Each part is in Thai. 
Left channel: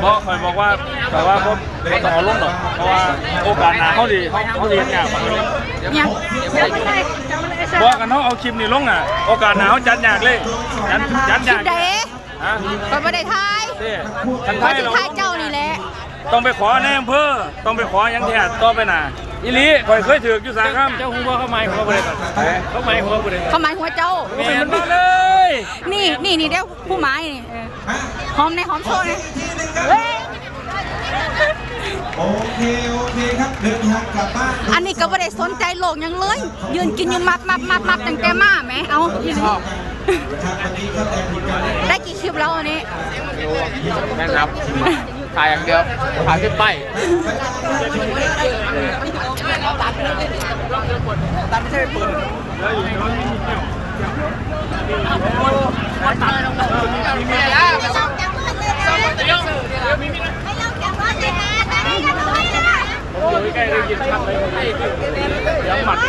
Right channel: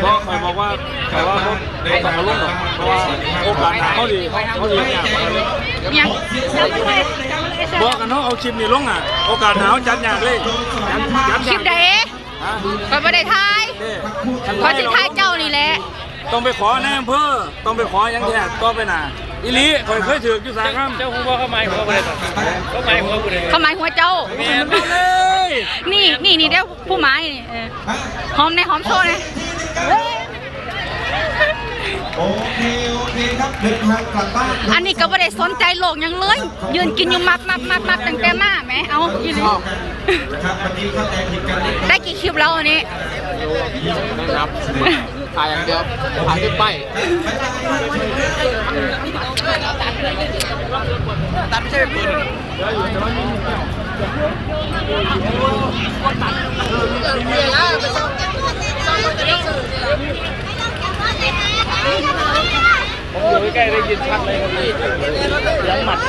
เบอกคอยบอกว่าคอยว่าพวกเขาต้องเอาลงหรอเพราะว่าโอกาสหาเขาดีเขาดีเนี่ยบอกกันเนาะเอาคลิปนี้ลงอะ โอกาสหาเขาจัดอย่างเลยจัดจัดอคลิย่าปงใดฮะก็บ่ได้ทายเด้ขอสิทายเจ้านี่แหละ ต้องไปขอในอำเภอต้องไปขอยังแทนต้องไปหนาอีนี้คอยเคยถือกอยู่สาครับเจ้าหูว่าเขาไม่เขาไม่เขาไม่เขาไม่เขาหมายหัวเจ้าโอ้ยมันมาเลยนี่นี่นี่เดี๋ยวผู้หมายนี่เออหอมในหอมโชว์นะเว้ยโอเคโอเคครับเดินทางกลับบ้านอันนี้ก็บ่ได้สนใจโลกหยังเลย ยืนกินอยู่มับมับมับมับตั้งแต่มาแหมเอายืนครับวันนี้ก็แต่ผิดกันได้กี่คลิปแล้วอันนี้แม่นับ ถ่ายอย่างเดียวถ่ายที่ไปใกล้ได้ยินชัดเลยย้ำหมัดห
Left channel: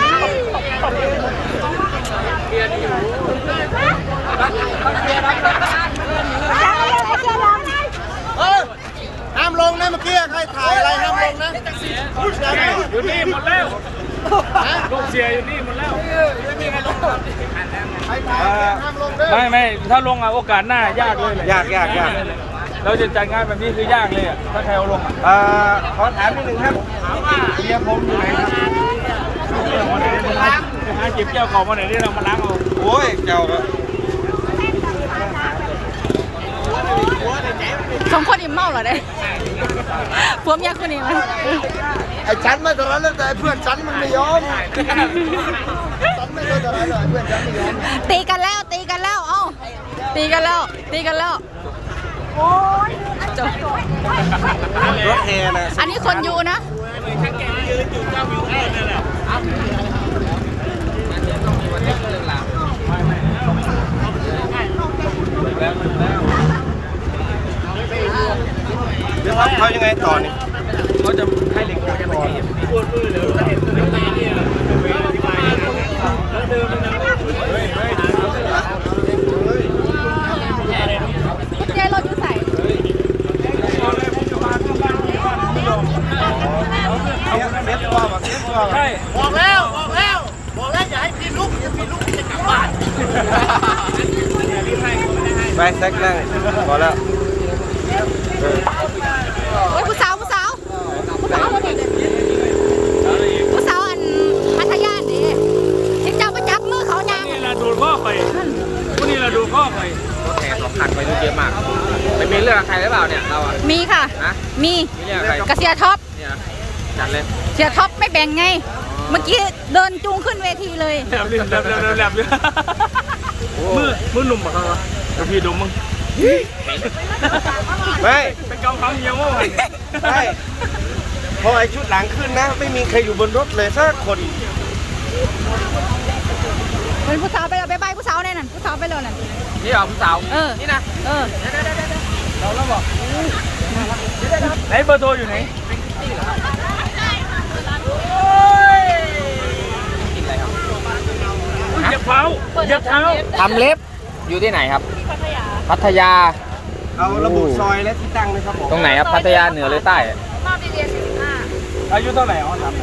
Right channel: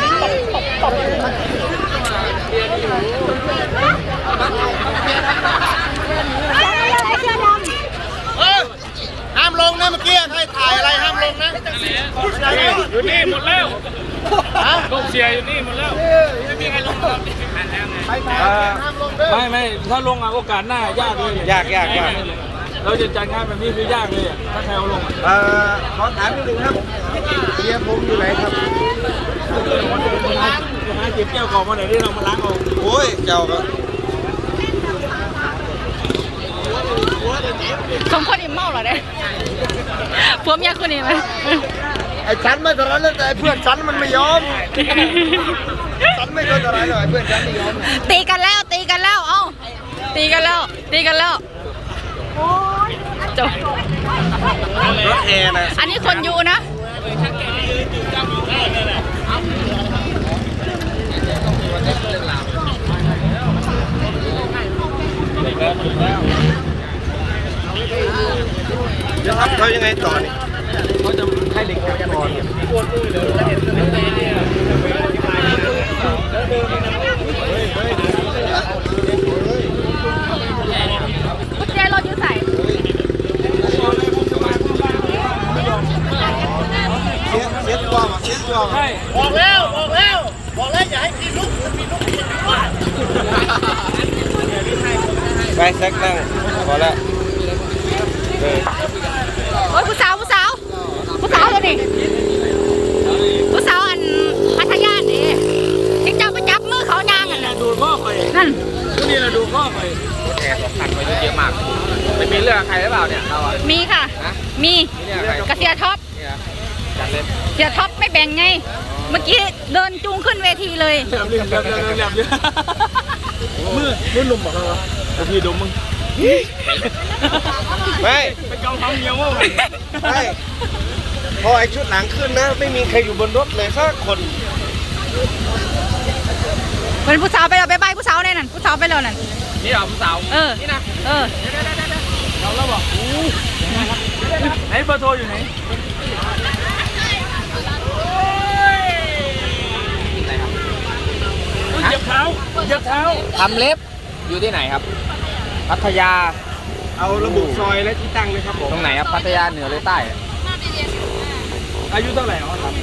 ้าม ลงนะเมื่อกี้ใครถ่ายอะไรห้ามลงนะอยู่นี่หมดแล้วลูกเสียอยู่นี่หมดแล้วใครถ่ายเอ่อห้ามลงเด้อไม่ไม่ถ้าลงอะโอกาสหน้ายากเลยยากยากยากเราจะจัดงานแบบนี้คือยากเลยอะถ้าใครเอาลงอะเอ่อขอถามนิดนึงครับเมียผมอยู่ไหนครับจะหาจิบแก้วของมาไหนที่เรามาล้างเอาโอ้ยเจ้า สองคนอิ่มเมาเหรอเนี่ยผัวเมียคนนี้ไหมไอ้ฉันไม่ตอนนั้นแล้วแต่ไอ้เพื่อนฉันมันไม่ยอมฉันไม่เคยตอนนั้นเลยเพื่อนฉันไม่ยอมตีกันแล้วตีกันแล้วเอ้าตีกันแล้วตีกันแล้วโอ้ยจบรถแอร์นะอันนี้คนอยู่นะจะทำเขายังไงต่อนี่ เขาจะให้เด็กกลับก่อน กุญแจรถอยู่ใส่ บอกเลยผมจะมาเพื่อบ้านเพื่อบ้านผมไม่ยอม เสียเสียตัวมาเสียตัวมา ใช่บอกแล้วบอกแล้วบอกแล้วอย่าให้พี่ลุกพี่ลุกไปแซกนั่งพอแล้วโอ้ยผู้สาวผู้สาวผู้สาวคนนี้ผู้สาวอันพัทยานี่ที่เจ้าไปจับมือเขานางนี่อะแหละดูดข้อไปนั่นผู้นี่แหละดูดข้อไปแอร์สำคัญไปเยอะมากไม่มีเรื่องใครหรือเปล่าเนี่ยเราอะมีค่ะฮะมีมีเรื่องใครกระเสียท็อปเนี่ย จัดเลยเสียท็อปไม่แบ่งไง เมื่อกี้เดินจูงขึ้นเวทีเลย แหลมเลยแหลมเลยแหลมเลยมือมือหนุ่มปะครับเดี๋ยวพี่ดมมึงไม่ไปกำคำเดียวว่าไงไม่พอไอ้ชุดหนังขึ้นนะ ไม่มีใครอยู่บนรถเลยสักคน เป็นผู้สาวไปแล้วไปบายผู้สาวแน่นั่นผู้สาวไปแล้วนั่น นี่เหรอผู้สาวเออ นี่นะเออไหนเบอร์โทรอยู่ไหน อะไรครับ เหยียบเท้าเหยียบเท้าทำเล็บอยู่ที่ไหนครับ พัทยา เอาระบุซอยและที่ตั้งเลยครับผมตรงไหนครับพัทยาเหนือหรือใต้อายุเท่าไหร่อ๋อครับ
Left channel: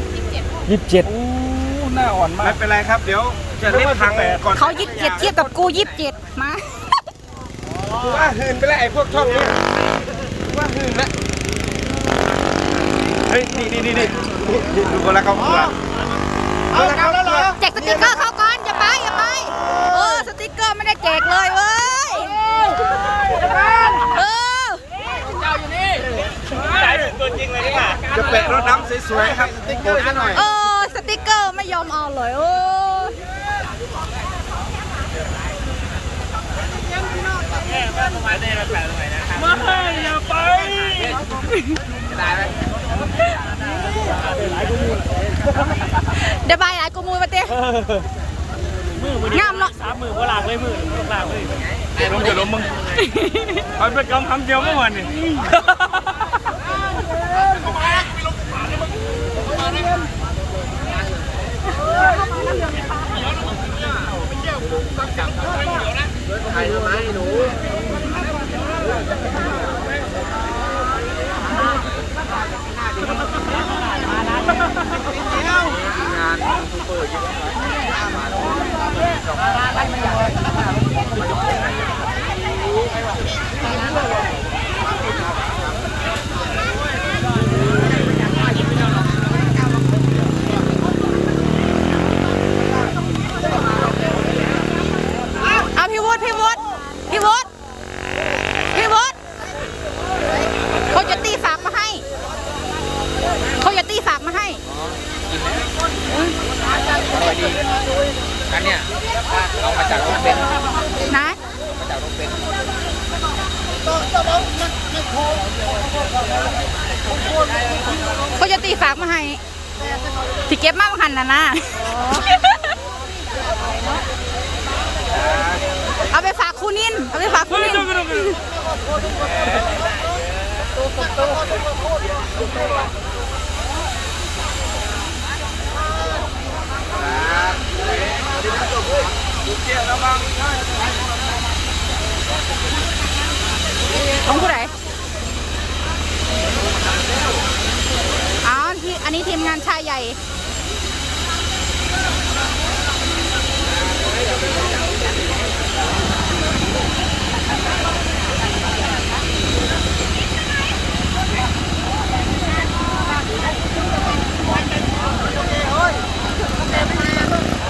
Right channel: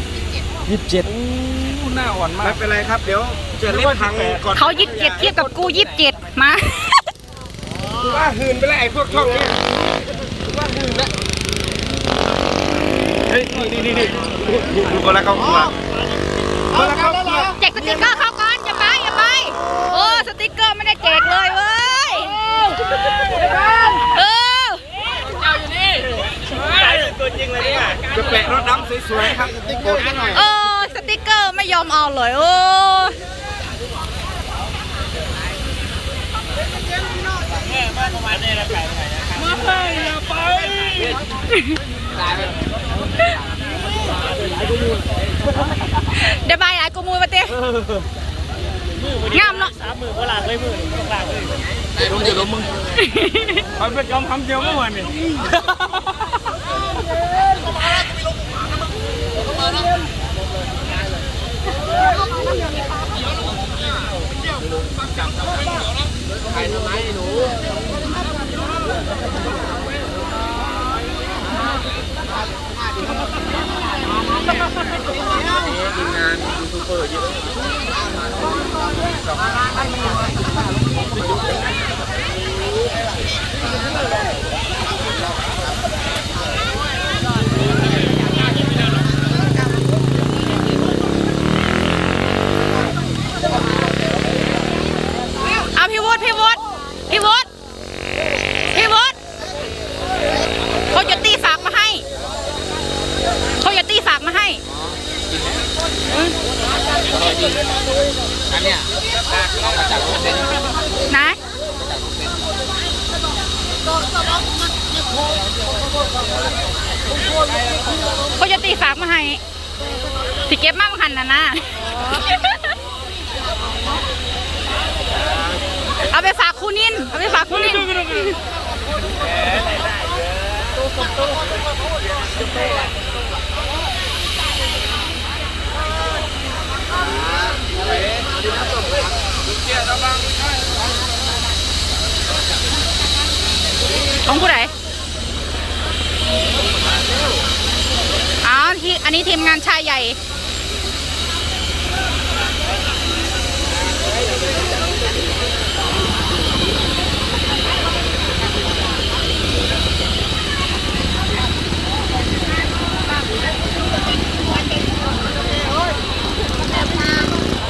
ยี่สิบเจ็ดโอ้หน้าอ่อนมาไม่กเป็นไรครับเดี๋ยวจะรีบพังก่อนเขายิบเจ็ดเทียบกับกูยิบเจ็ดมากูว่าหืนไปแล้วไอ้พวกช่องนี้กูว่าหืนแล้วเฮ้ยนี่นี่นี่นี่ดูดูดูกันแล้วครับเอากันแล้วเหรอแจกสติกเกอร์ สติกเกอร์ไม่ได้แจกเลยเว้ยเออตัวจริงเลยนี่หว่าจะแปะรถน้ำสวยๆครับติ๊กโกซะหน่อย เออสติกเกอร์ไม่ยอมเอาเลยเออไม่อย่าไปเดี๋ยวบายหลายกูมูมาเต้ งามเนาะลงจะลงมึงไปไปกำคำเดียวเมื่อวานนี่ ร่อยดีอันเนี้ยเอามาจากรถเบนซ์นะมาจากรถเบนซ์ก็จะตีฝากมาให้ที่เก็บมาหันนะนะเอาไปฝากคุณนิน เอาไปฝากคุณนิน ของผู้ใดอ๋อที่อันนี้ทีมงานชายใหญ่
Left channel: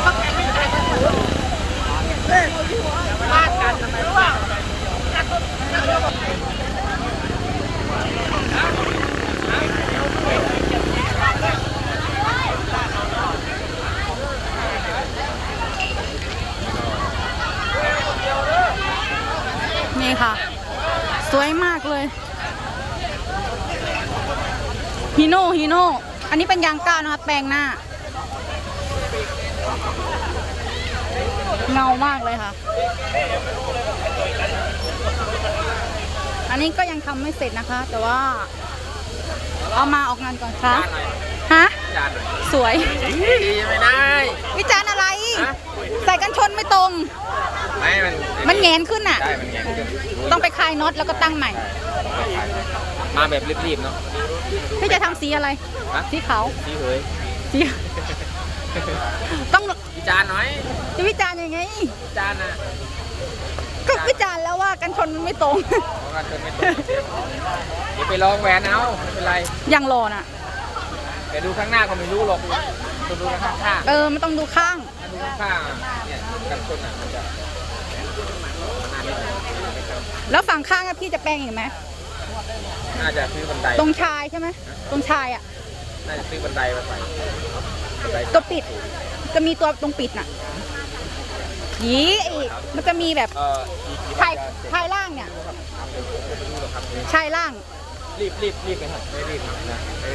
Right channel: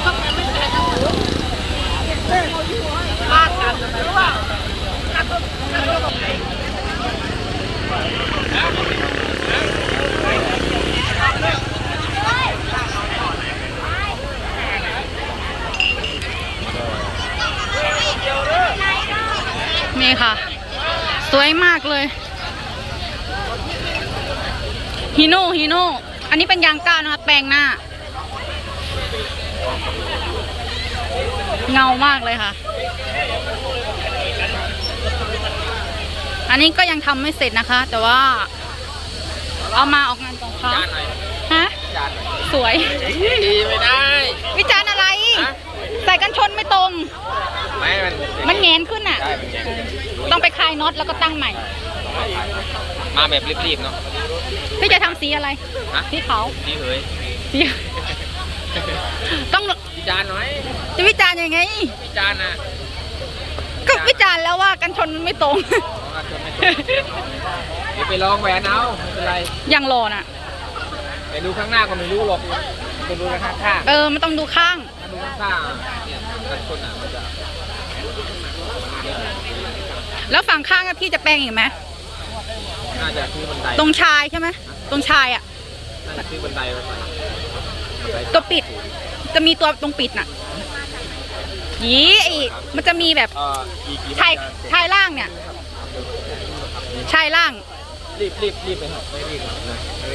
นี่ค่ะ สวยมากเลยฮีโน่ฮีโน่อันนี้เป็นยางก้าวนะคะ แปลงหน้า เงามากเลยค่ะ อันนี้ก็ยังทำไม่เสร็จนะคะ แต่ว่า เอามาออกงานก่อนค่ะจานหน่อยฮะจานหน่อยสวยดีไม่ได้ วิจารณ์อะไรฮะใส่กันชนไม่ตรง ไม่มันมันแงนขึ้นอะใช่มันแงนขึ้นต้องไปคลายน็อตแล้วก็ตั้งใหม่ มาแบบรีบๆเนาะพี่จะทำสีอะไรฮะสีขาวพี่เฮ้ยสี ต้องพี่จานหน่อยจะวิจารณ์ยังไงพี่จานนะก็วิจารณ์แล้วว่ากันชนมันไม่ตรงเอากันจนไม่ตรงเดี๋ยวไปลองแหวนเอาไม่เป็นไรยังรอน่ะไปดูข้างหน้าก็ไม่รู้หรอกไปดูข้างข้างเออมันต้องดูข้างๆดูข้างข้างๆเนี่ยกันคนอะมันจะแล้วฝั่งข้างอะพี่จะแปลงอีกไหมน่าจะซื้อบันไดตรงชายใช่ไหมตรงชายอะน่าจะซื้อบันไดมาใส่บันได ตัวปิด จะมีตัวตรงปิดน่ะยีไอมันจะมีแบบเอ่ออีกกี่ชายวันจะชายล่างเนี่ยชายล่าง รีบรีบรีบไปหน่อยไม่รีบนะ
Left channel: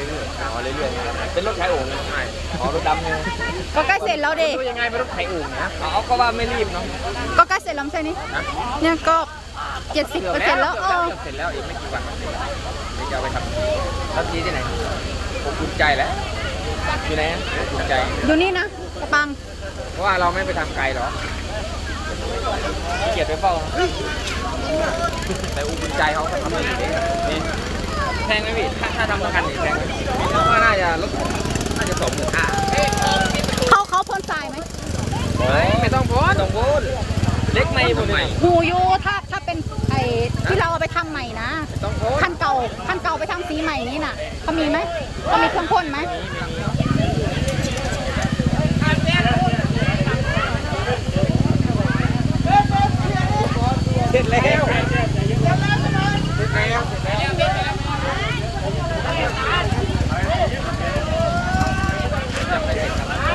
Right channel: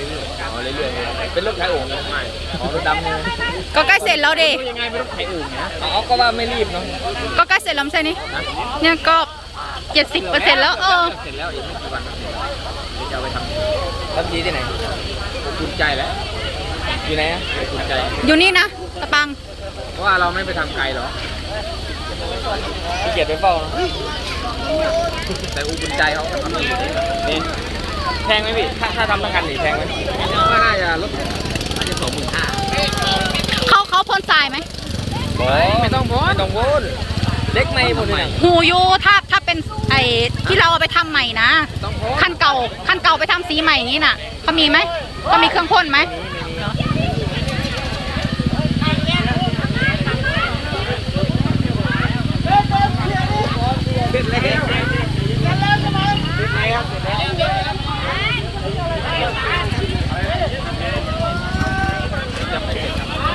เรื่อยๆเอาเรื่อยๆเป็นรถขายโอ่งนะอ๋อรถดำเนี่ยก็ใกล้เสร็จแล้วเดรู้ยังไงเป็นรถขายโอ่งเนี่ยอ๋อก็ว่าไม่รีบเนาะก็ใกล้เสร็จแล้วไม่ใช่นี่เนี่ยก็เจ็ดสิบเปอร์เซ็นต์แล้วเออเสร็จแล้วอีกไม่กี่วันก็เสร็จเดี๋ยวจะเอาไปทำรับทีที่ไหนผมภูมิใจแล้ว อยู่ไหนอะผมภูมิใจอยู่นี่นะตะปัง เพราะว่าเราไม่ไปทำไกลหรอกขี้เกียจไปเฝ้านะแต่อุบุญใจเขาทำดีนี่แพงไหมพี่ถ้าถ้าทำประกันนี่แพงไหมว่าน่าจะลดน่าจะสองหมื่นห้าเขาเขาพ่นทรายไหมไม่ต้องโพสต้องโพสเด็กในหมดเลยหูอยูถ้าถ้าเป็นไอ้ที่เราเอาไปทำใหม่นะ ต้องโพสคันเก่าคันเก่าไปทำสีใหม่อย่างนี้น่ะเขามีไหมเขามีเครื่องพ่นไหม เสร็จแล้วเสร็จแล้วเสร็จแล้ว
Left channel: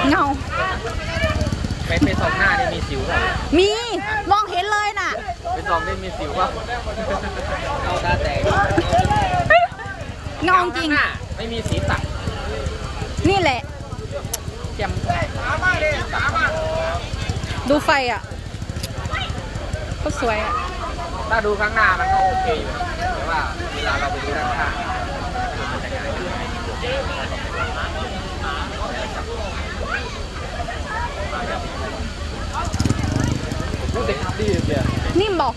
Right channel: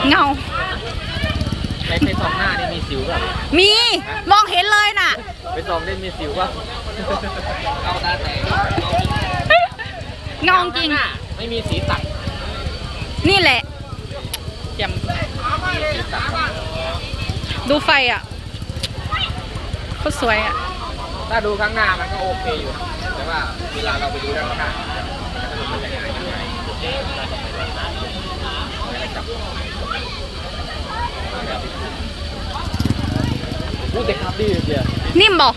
เงา ไปไปสองหน้านี่มีสิวเปล่ามีมองเห็นเลยน่ะ ไปสองนี่มีสิวเปล่าเอาตาแตกเงาจริงข้หน้ไม่มีสีตัดนี่แหละเจียมดูไฟอะโคตรสวยอะ ถ้าดูข้างหน้ามันก็โอเคอยู่นะแต่ว่าเวลาเราไปดูด้านข้างมันจะหายไป พูดเด็กดีเดียวนิ่มบอก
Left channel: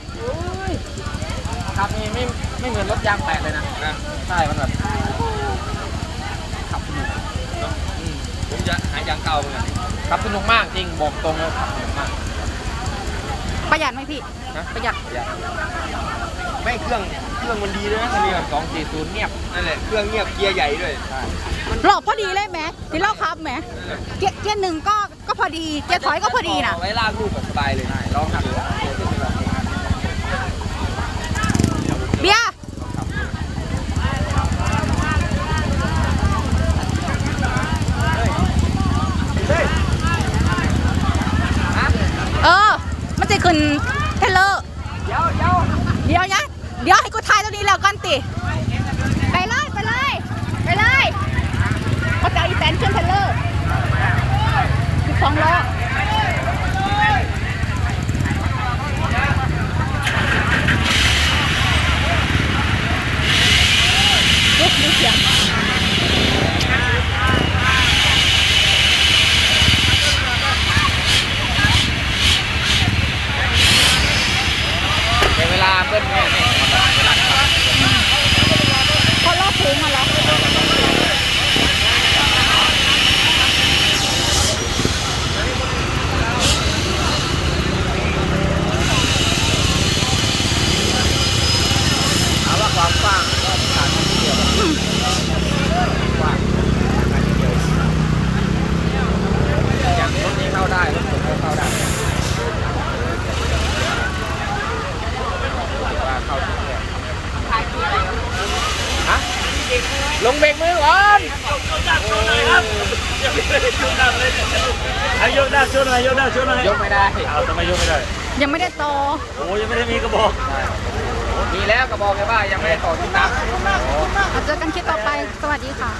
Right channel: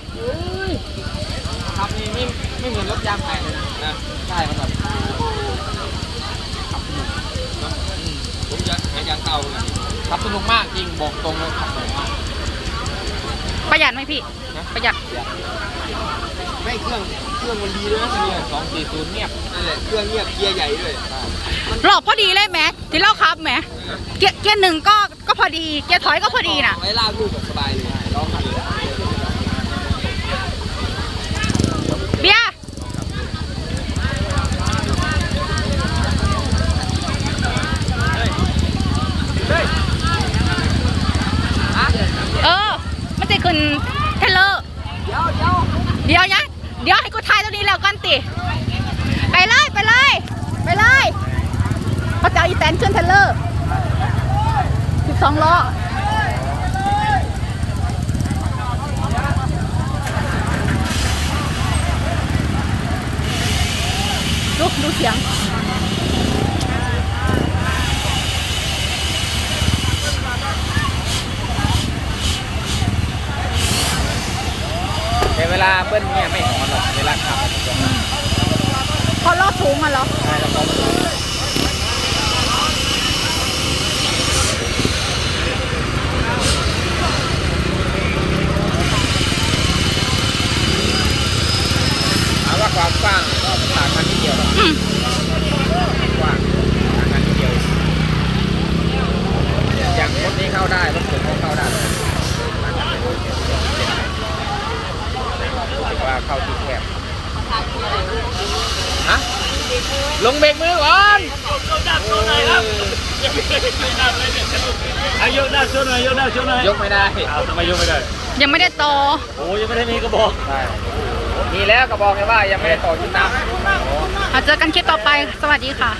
ขับนี่ไม่ไม่เหมือนรถยางแตกเลยนะนะใช่มันแบบขับสนุกเนาะอืมผมจะหายางเก่าเหมือนกันขับสนุกมากจริงบอกตรงเลยขับสนุกมากประหยัดไหมพี่ นะประหยัดไม่เครื่องเครื่องมันดีด้วยนะเครื่องสองสี่ศูนย์เงียบนั่นแหละเครื่องเงียบเกียร์ใหญ่ด้วยใช่ หลอกพอดีเลยแหมที่เล่าครับแหมเกียร์เกียร์หนึ่งก็ ก็พอดีเกียร์ถอยก็พอดีนะไว้ลากลูกสบายเลยลองทำดูเบียเออ มันจะคุณเทเลอร์เดี๋ยวเดียวนะเดี๋ยวให้กูทายตรงนี้แล้วกันติ ไปเลย ไปเลย ไปเลยเขาจะอาอีแตนขึ้นเทเลอร์ สิบสองล้อลุกดูเสียง เดี๋ยวเวลาเบิ้ลเนี่ยไม่เวลา พอรอบถุงมาแล้ว ถามว่าความกว้างต่างกันนิดเดียวกว้างต่างกันนิดเดียวอย่างรถนี้เข้าได้รถผมก็เข้าได้ว่าเข้าทุกแบบฮะ ลงเบรกมือก่อนอายกได้ช่วยหน่อยอายุได้ช่วยหน่อยยกไม่ได้เอาทำไมยกไม่ได้ยังไม่ได้ต่อโอ้ยยังไม่ได้มีกระบอกมีแล้วก็บอกไปว่ายังไม่ได้ต่อจุดน้ำเอเจอกันคลิปต่อไปสวัสดีค่ะ